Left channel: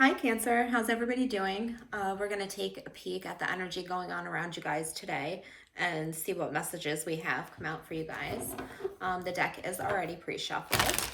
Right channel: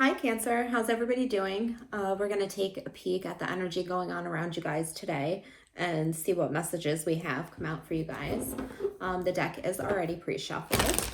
Hi Cancer, how's everybody doing? We're going to take a peek at the energy going on around you guys today and see what messages we have come out for you guys. The deck is already pre-shuffled.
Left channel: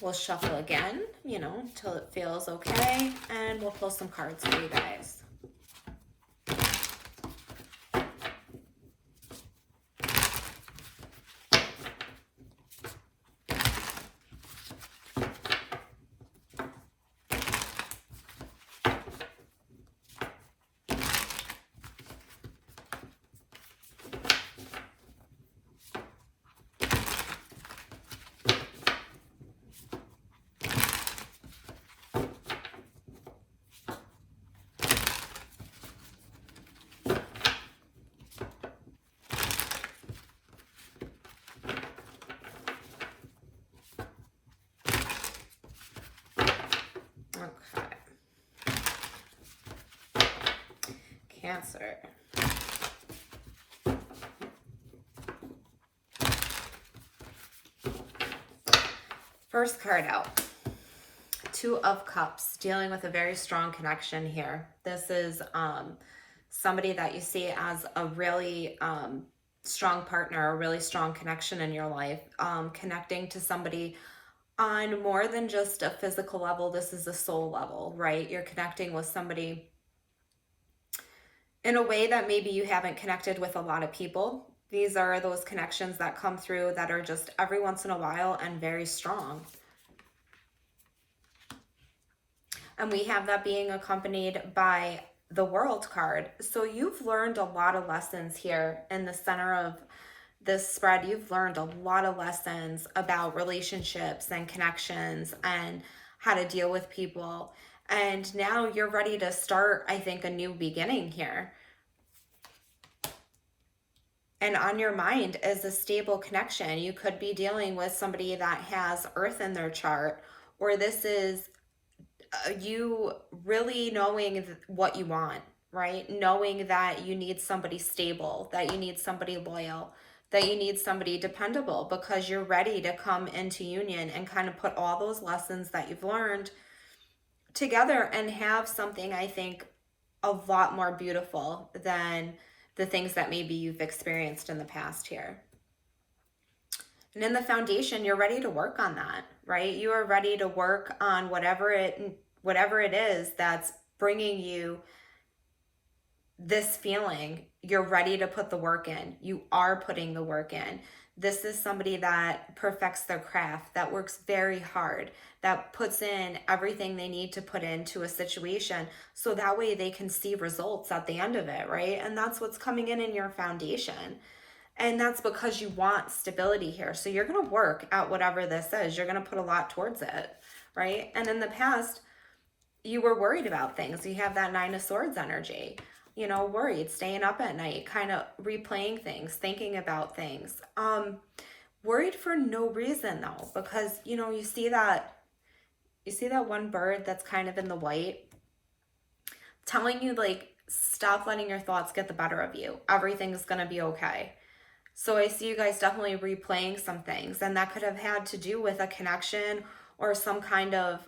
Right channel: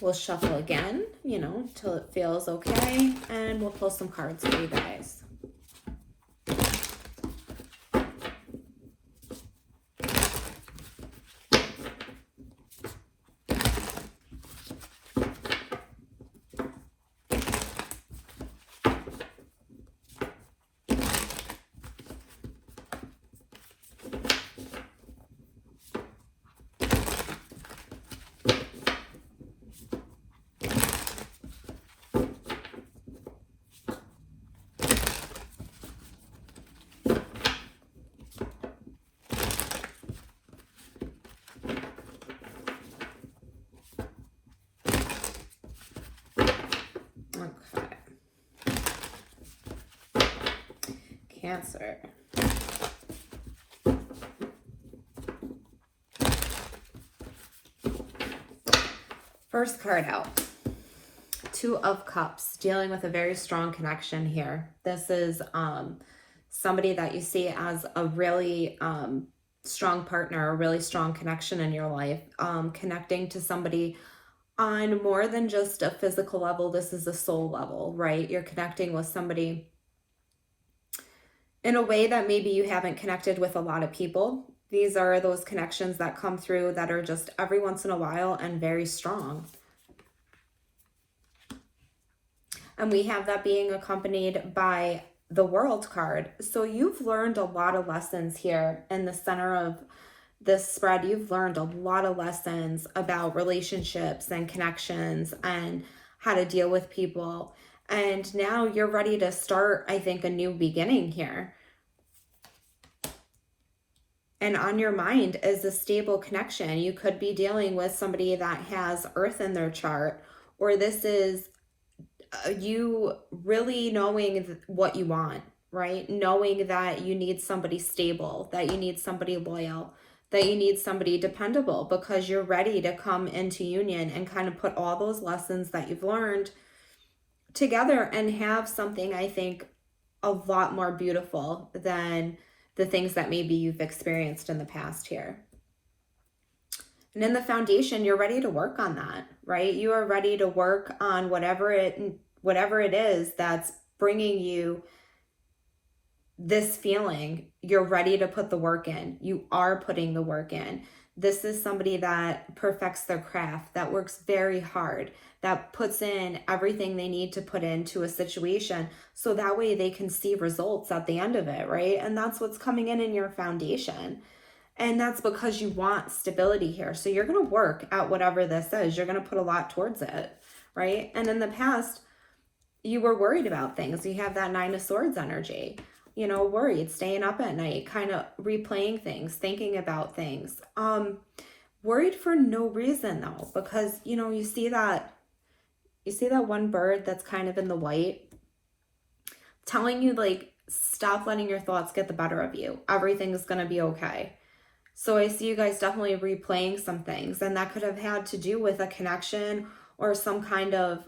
We'll shuffle again, till it feels okay, and we'll pull some cards for you guys. Okay. Cancer. First card out. Two of Cups, dealing with a very strong connection here. This is somebody that you see as a really strong partner, a really strong connection in your life, connecting to somebody on more than just a physical level. This is a soul level, right? You're connecting with somebody in a way that maybe you haven't connected with a lot of people. These are those connections that come through that are just every once in a while and very strong. And we have that being accompanied by the World card. So you've learned a lot of lessons here in the center of this spread. You've learned a lot of lessons about relationships and connections and how to deal with people. And now you're ready to start, I think, a new beginning here. And on your mind is a stable connection. You could be dealing with somebody that has Earth in their chart, or this is you really knowing what you want, right? Knowing that you need somebody stable, that you need somebody loyal, that you need somebody dependable, because you're ready to come into union and kind of put all those lessons that you've learned together and have something, I think, a lot more beautiful than the things that maybe you've experienced in the past here. And in the foundation, you're ready to work on that, right? You are ready to work on whatever it is that's bringing you this feeling. You're ready to put the work in. You are putting the work in. This is somebody that perfects their craft, that works very hard, that puts in everything they need to put into a situation so that way they can see results at the end of it, right? And that's what's coming in your foundation. And that's because you want stability here. So you're going to work at whatever this is. You're going to put a lot towards it, right? And in the past, you were worried about things. You have that Nine of Swords energy, worried, staying up at night, kind of replaying things, thinking about things. Worried for no reason though, because, you see that one bird that's kind of in the white telling you, like, stop letting your thoughts get the better of you. Everything's going to be okay. So I see you guys definitely replaying some things, and that could have had to do with a connection or some kind of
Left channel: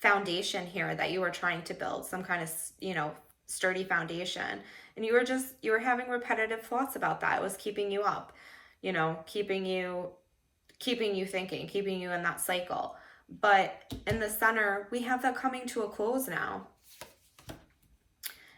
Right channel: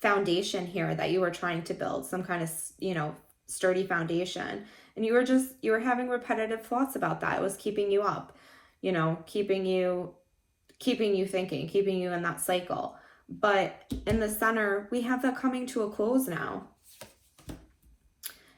foundation here that you were trying to build, some kind of, sturdy foundation. And you were having repetitive thoughts about that. It was keeping you up, keeping you thinking, keeping you in that cycle. But in the center, we have that coming to a close now.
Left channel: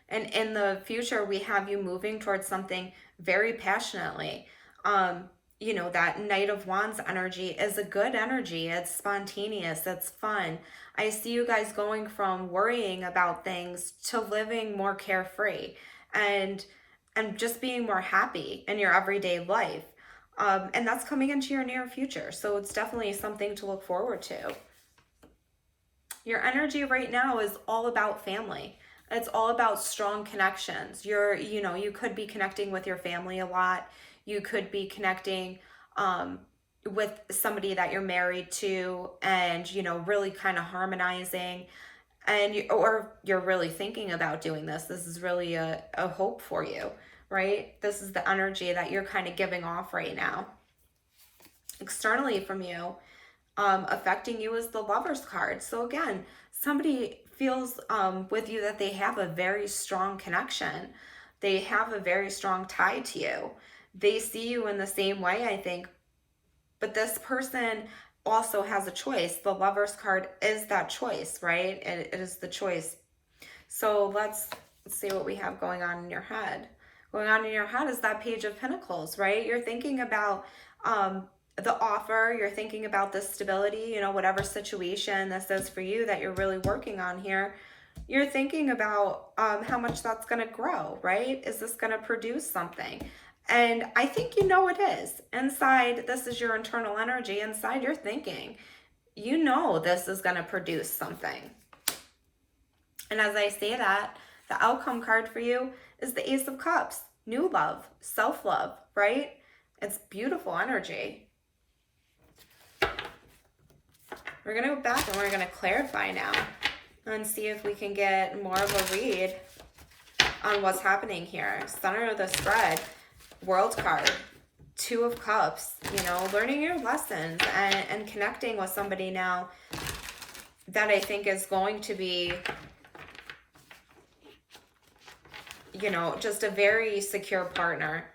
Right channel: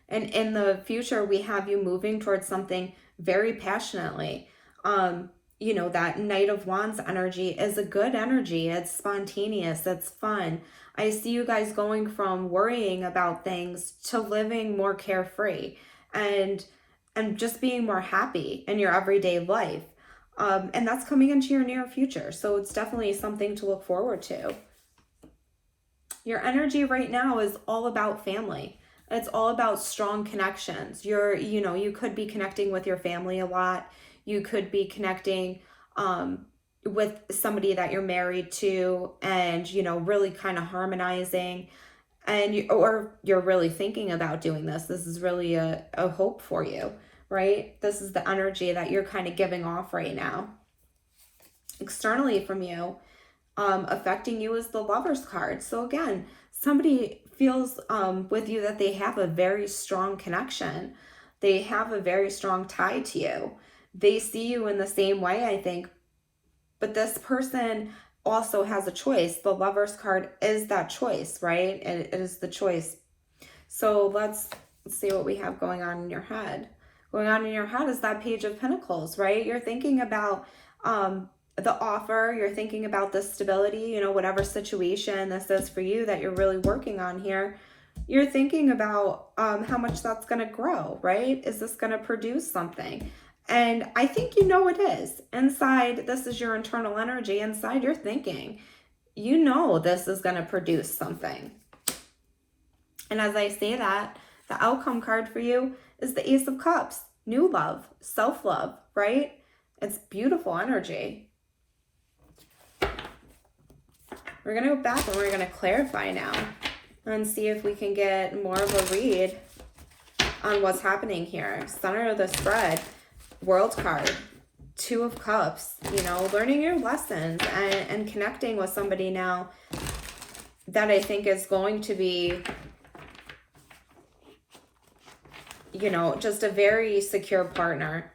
And in the future, we have you moving towards something very passionately. That Knight of Wands energy is a good energy. It's spontaneous. It's fun. I see you guys going from worrying about things to living more carefree and just being more happy in your everyday life. And that's coming into your near future. So it's definitely something to look forward to. Your energy right now is all about family. It's all about strong connections. You could be connecting with your family a lot. You could be connecting with somebody that you're married to and, really kind of harmonizing. Or you're really thinking about doing this. This is really a hope for you, right? This is the energy that you're kind of giving off right now. Externally from you, affecting you is the Lover's card. So again, somebody feels with you that they have a very strong connection. They have a very strong tie to you. They see you in the same way, I think. But this person also has a choice. The Lover's card is that choice, right? It is the choice. So let's see what we have going on in your head. Going on in your head is that Page of Pentacles, right? You're thinking about the offer. You're thinking about the stability, you know, whatever situation this is for you that you're really working on here. You're thinking about how much that's going to grow, right? Is this going to produce something? And I think you know it is. Inside, this is your internal energy. Inside, you're thinking, you know this is going to produce something. And as I say that, the outcome card for you is the Ace of Cups. New love, self-love, right? It's beautiful energy. We're going to go back and we're going to clarify now and see if we can get more of a read on what's happening here. Center of the spread, World card, Two of Cups, you know, learning your lessons and connecting with somebody now that I think is going to be, you know, just a very secure partner.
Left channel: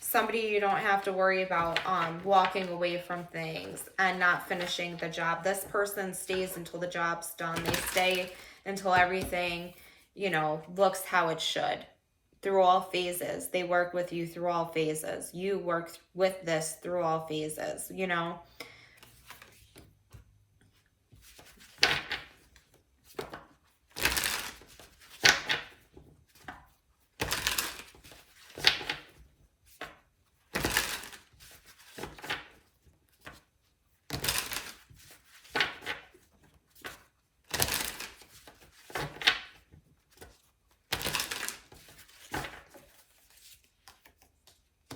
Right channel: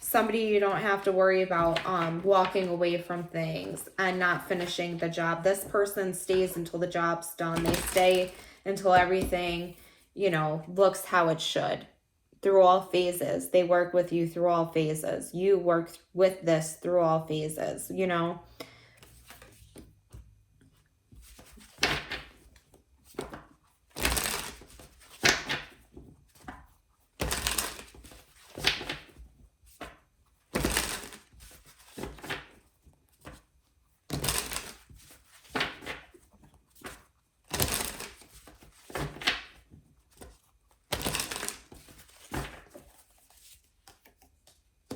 Somebody you don't have to worry about walking away from things and not finishing the job. This person stays until the job's done. They stay until everything, you know, looks how it should. Through all phases. They work with you through all phases. You work with this through all phases, you know.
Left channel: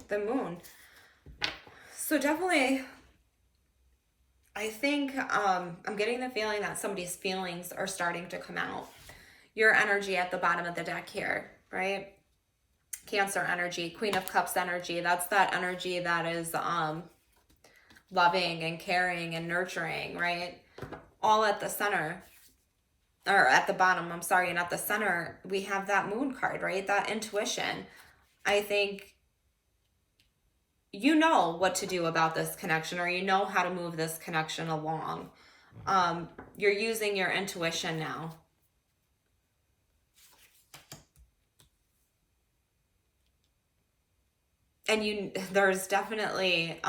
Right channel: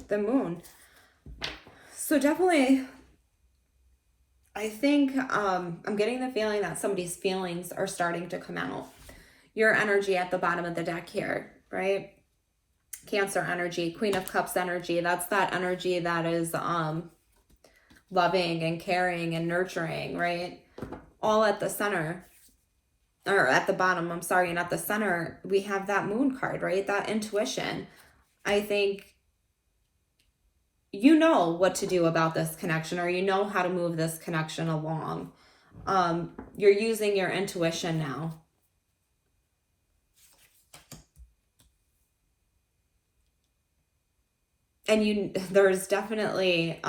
The Moon. So definitely, I think I'm getting the feeling that somebody's feelings are starting to come out. Your energy at the bottom of the deck here, right? Cancer energy, Queen of Cups energy. That's that energy that is loving and caring and nurturing, right? All at the center. Or at the bottom, I'm sorry. And at the center, we have that Moon card, right? That intuition. I think you know what to do about this connection, or you know how to move this connection along. You're using your intuition now. And there's definitely,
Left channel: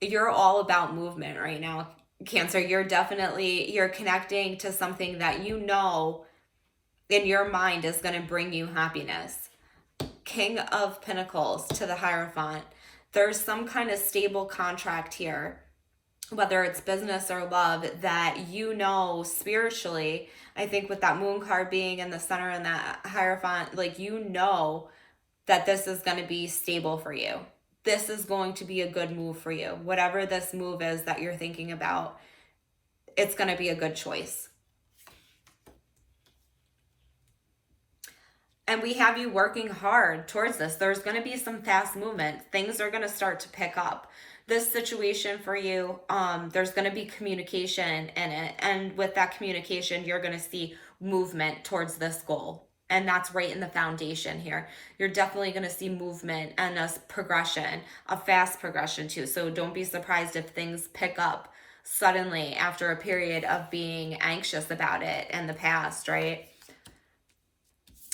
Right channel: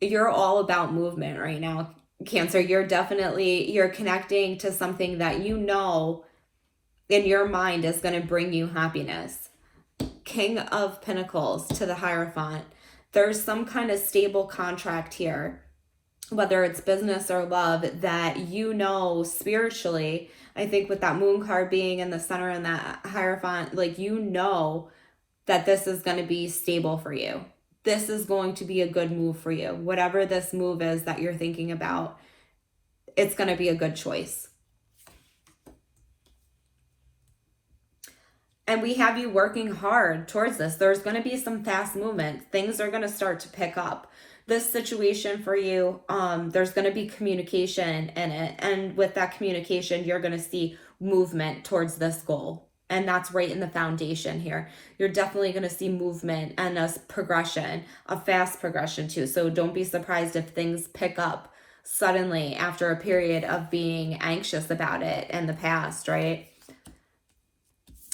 you're all about movement right now, Cancer. You're connecting to something that you know in your mind is going to bring you happiness. King of Pentacles to the Hierophant. There's some kind of stable contract here, whether it's business or love, that you know spiritually. I think with that Moon card being in the center and that Hierophant, like, you know that this is going to be stable for you. This is going to be a good move for you. Whatever this move is that you're thinking about, it's going to be a good choice. And we have you working hard towards this. There's going to be some fast movement. Things are going to start to pick up. This situation for you, there's going to be communication in it. And with that communication, you're going to see movement towards this goal. And that's right in the foundation here. You're definitely going to see movement and a progression, a fast progression too. So don't be surprised if things pick up suddenly after a period of being anxious about it in the past, right?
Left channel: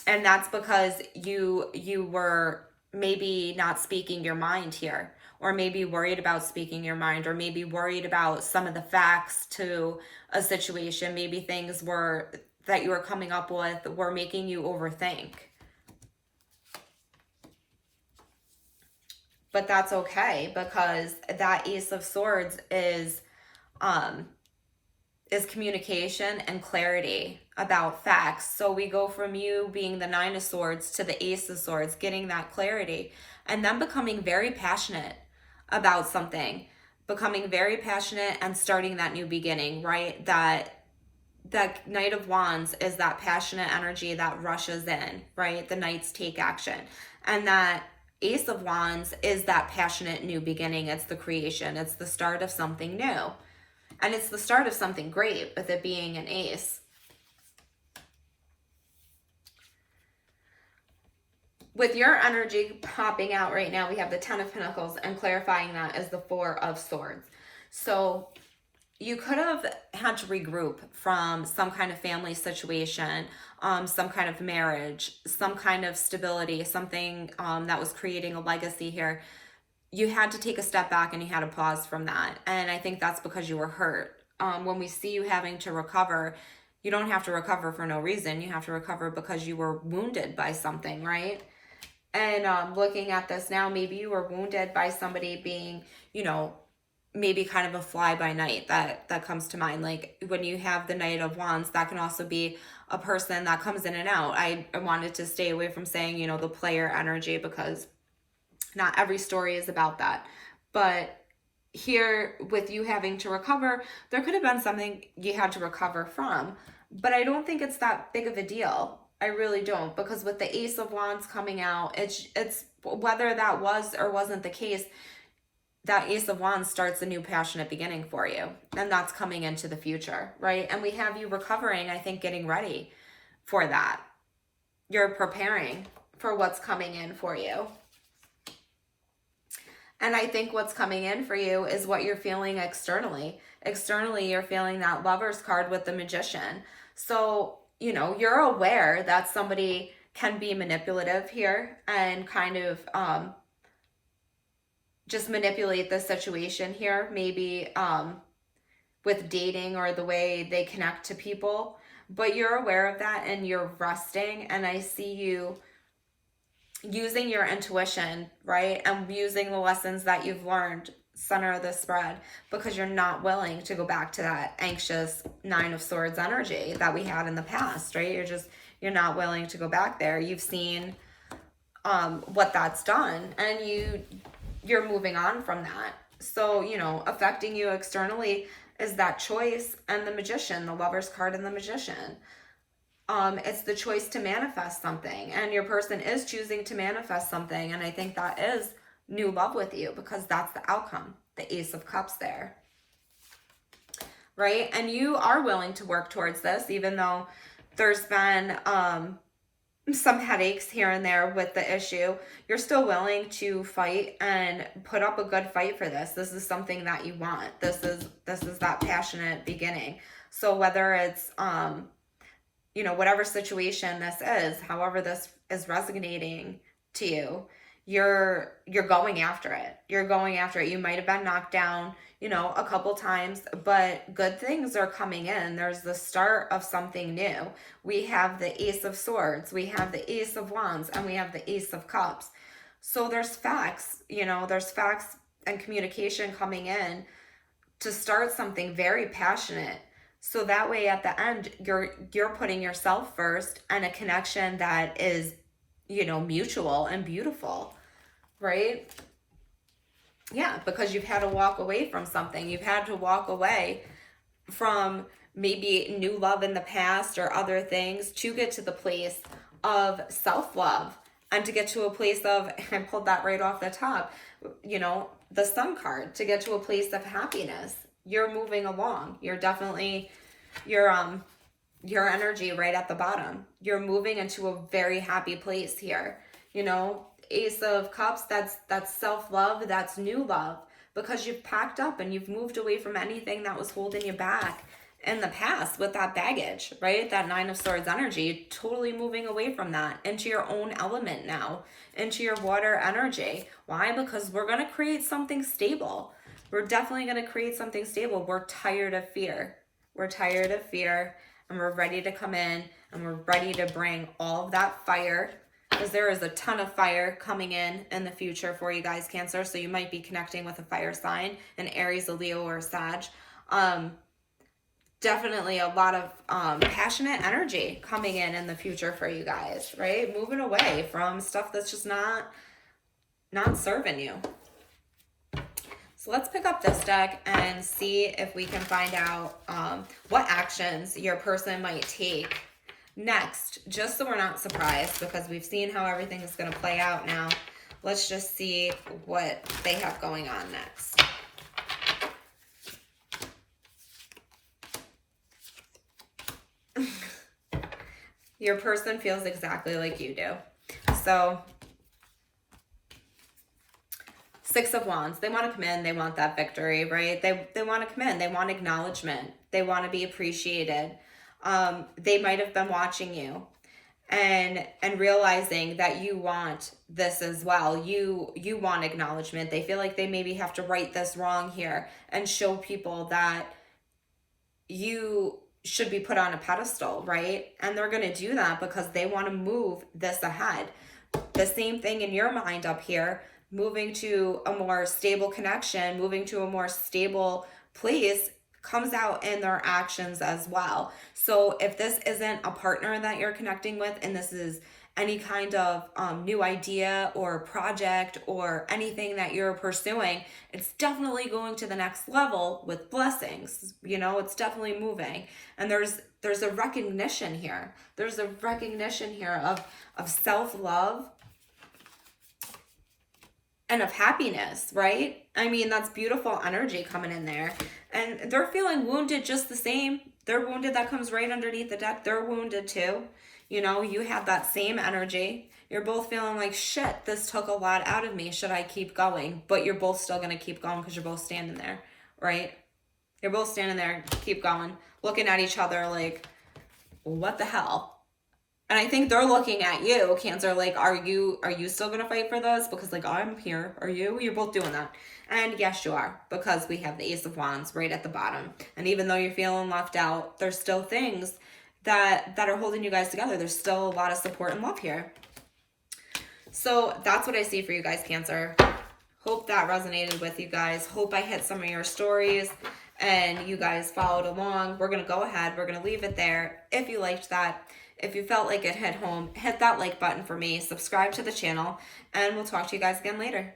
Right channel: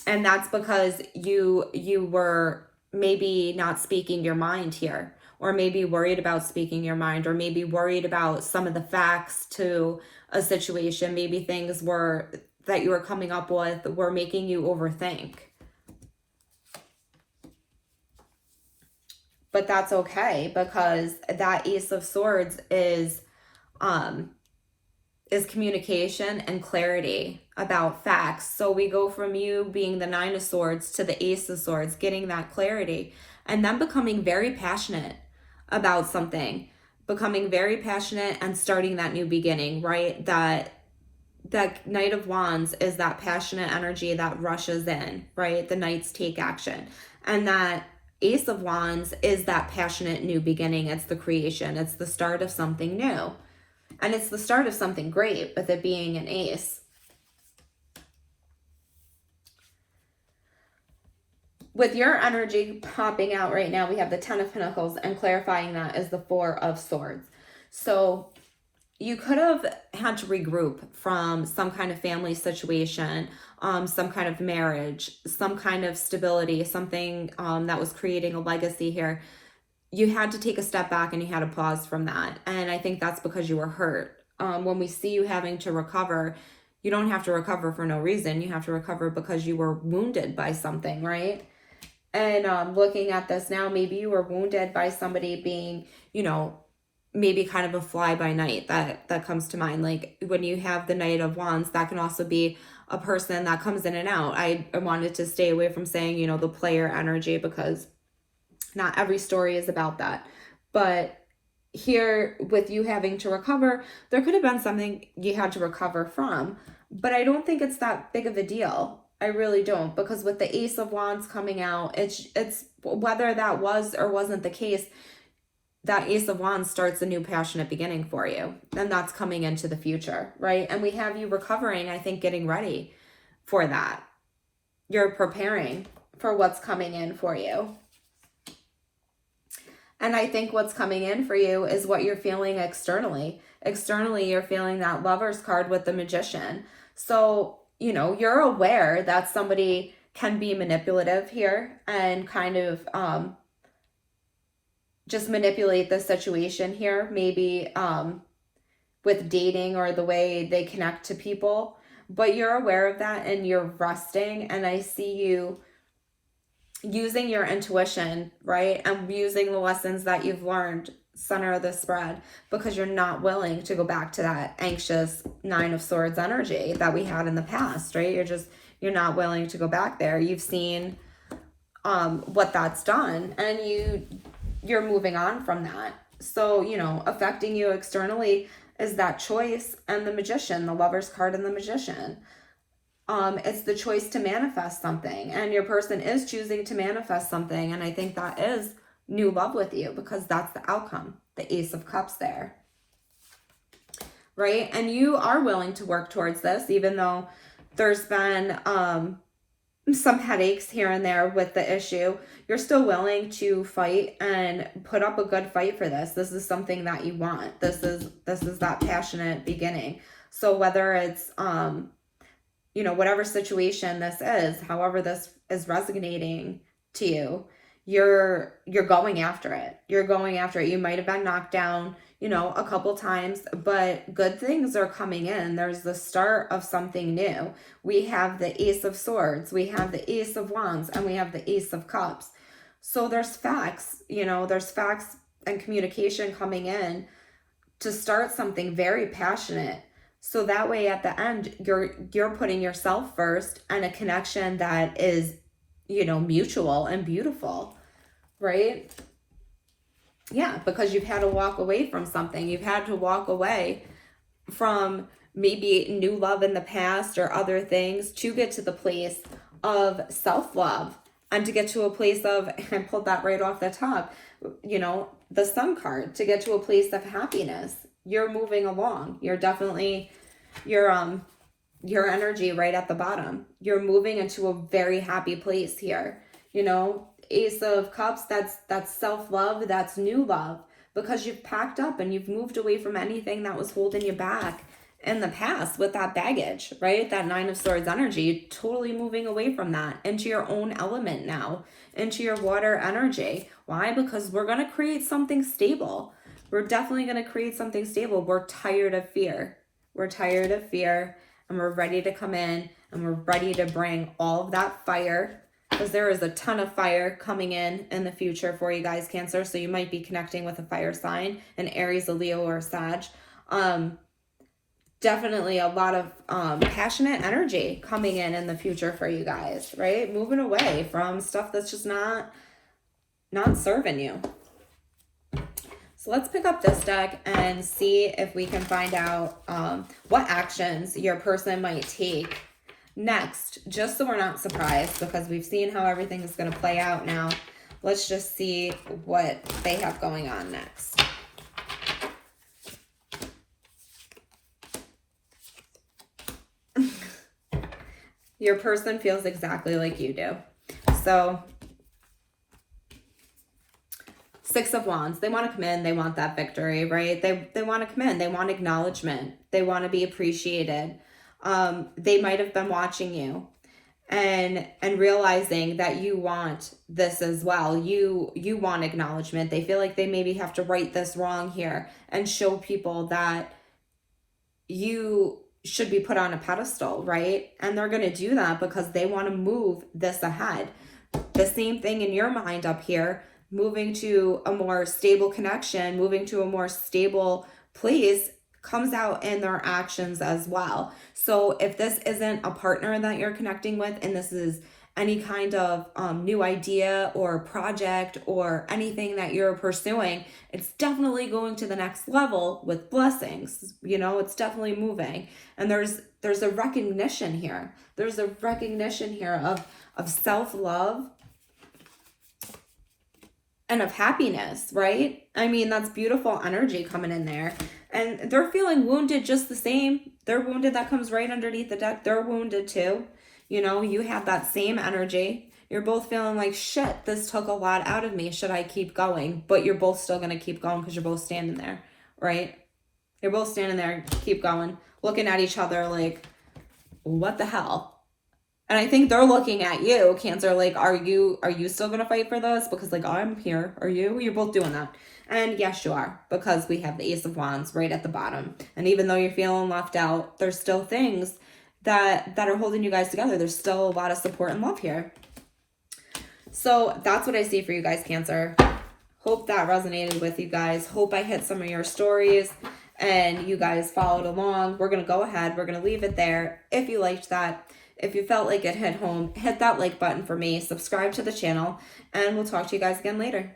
And that's because you were maybe not speaking your mind here, or maybe worried about speaking your mind, or maybe worried about some of the facts to a situation. Maybe things that you were coming up with were making you overthink. But that's okay, because that Ace of Swords is communication and clarity about facts. So we go from you being the Nine of Swords to the Ace of Swords, getting that clarity, and then becoming very passionate about something, becoming very passionate and starting that new beginning, right? That Knight of Wands is that passionate energy that rushes in, right? The Knights take action. And that Ace of Wands is that passionate new beginning. It's the creation. It's the start of something new. And it's the start of something great with it being an ace. With your energy popping out right now, we have the Ten of Pentacles, and clarifying that is the Four of Swords. So you could have had to regroup from some kind of family situation, some kind of marriage, some kind of stability, something that was creating a legacy here. You had to take a step back and you had to pause from that. And I think that's because you were hurt. When we see you having to recover, you don't have to recover for no reason. You have to recover because you were wounded by something, right? And looking at this now, maybe you were wounded by somebody being, you know, maybe kind of a fly by night. That comes to mind. Like when you have the Knight of Wands, that can also be a person that comes in and out. I wanted to stay away from saying, you know, the player energy, because not every story is about that. But here, with you having to recover, there could have been something you had to recover from. But I don't think it's that big of a deal. I really don't, because with the Ace of Wands coming out, it's whether that was or wasn't the case, that Ace of Wands starts a new passionate beginning for you. And that's coming into the future, right? And we have you recovering, I think, getting ready for that. You're preparing for what's coming in for you. And I think what's coming in for you is what you're feeling externally. Externally, you're feeling that Lover's card with the Magician. So, you know, you're aware that somebody can be manipulative here and kind of just manipulate the situation here, maybe with dating or the way they connect to people. But you're aware of that and you're resting, and I see you using your intuition, right? And using the lessons that you've learned, center of the spread, because you're not willing to go back to that anxious Nine of Swords energy that we had in the past, right? You're not willing to go back there. You've seen what that's done, and you're moving on from that. So, you know, affecting you externally is that choice and the Magician, the Lover's card and the Magician. It's the choice to manifest something, and your person is choosing to manifest something. And I think that is new love with you, because that's the outcome, the Ace of Cups there, right? And you are willing to work towards this, even though there's been some headaches here and there with the issue. You're still willing to fight and put up a good fight for this. This is something that you want. This is that passionate beginning. So whether it's you know, whatever situation this is, however this is resonating to you, you're going after it. You're going after it. You might have been knocked down, you know, a couple times, but good things are coming in. There's the start of something new. We have the Ace of Swords, we have the Ace of Wands, and we have the Ace of Cups. So there's facts, you know, there's facts and communication coming in to start something very passionate. So that way at the end, you're putting yourself first, and a connection that is, you know, mutual and beautiful, right? Yeah, because you've had to walk away from something. You've had to walk away from maybe new love in the past or other things to get to the place of self-love, and to get to a place of, I pulled that right off the top, you know, the Sun card, to get to a place of happiness. You're moving along. You're definitely, your energy right at the bottom. You're moving into a very happy place here. You know, Ace of Cups, that's self-love, that's new love, because you've packed up and you've moved away from anything that was holding you back in the past with that baggage, right? That Nine of Swords energy, totally moving away from that into your own element now, into your water energy. Why? Because we're going to create something stable. We're definitely going to create something stable. We're tired of fear. We're tired of fear, and we're ready to come in, and we're ready to bring all of that fire, because there is a ton of fire coming in the future for you guys, Cancer. So you might be connecting with a fire sign, an Aries, a Leo, or a Sag. Definitely a lot of passionate energy coming in the future for you guys, right? Moving away from stuff that's just not serving you. So let's pick up this deck and see if we can find out what actions your person might take next, just so we're not surprised, because we've seen how everything is going to play out now. Let's just see what they have going on next. Your person feels exactly like you do. So, Six of Wands, they want to come in, they want that victory, right? They want to come in, they want acknowledgement, they want to be appreciated. They might have been watching you and realizing that you want this as well. You want acknowledgement. They feel like they maybe have to right this wrong here and show people that you should be put on a pedestal, right? And they're going to do that because they want to move this ahead. The same thing in your mind up here, moving to a more stable connection, moving to a more stable place comes out in their actions as well. So if this isn't a partner that you're connecting with, and this is any kind of new idea or project or anything that you're pursuing, it's definitely going to the next level with blessings. You know, it's definitely moving. And there's a recognition here. There's a recognition here of self-love and of happiness, right? I mean, that's beautiful energy coming in there. And they're feeling wounded just the same. They're wounded. That comes right underneath the deck. They're wounded too. You know, you have that same energy. You're both feeling like, shit, this took a lot out of me. Should I keep going? But you're both still going to keep going because you're both standing there, right? You're both standing there, keep going, looking at each other like, what the hell? And I think they're looking at you, Cancer, like, are you still going to fight for this? Because, like, I'm here. Are you? You're both doing that. And yes, you are, because we have the Ace of Wands right at the bottom. And even though you're feeling left out, there's still things that are holding you guys together. There's still a lot of support and love here. So that's what I see for you guys, Cancer. Hope that resonated with you guys. Hope I hit some of your stories and you guys followed along. We're going to go ahead. We're going to leave it there. If you liked that, if you felt like it hit home, hit that like button for me, subscribe to the channel, and we'll talk to you guys again later.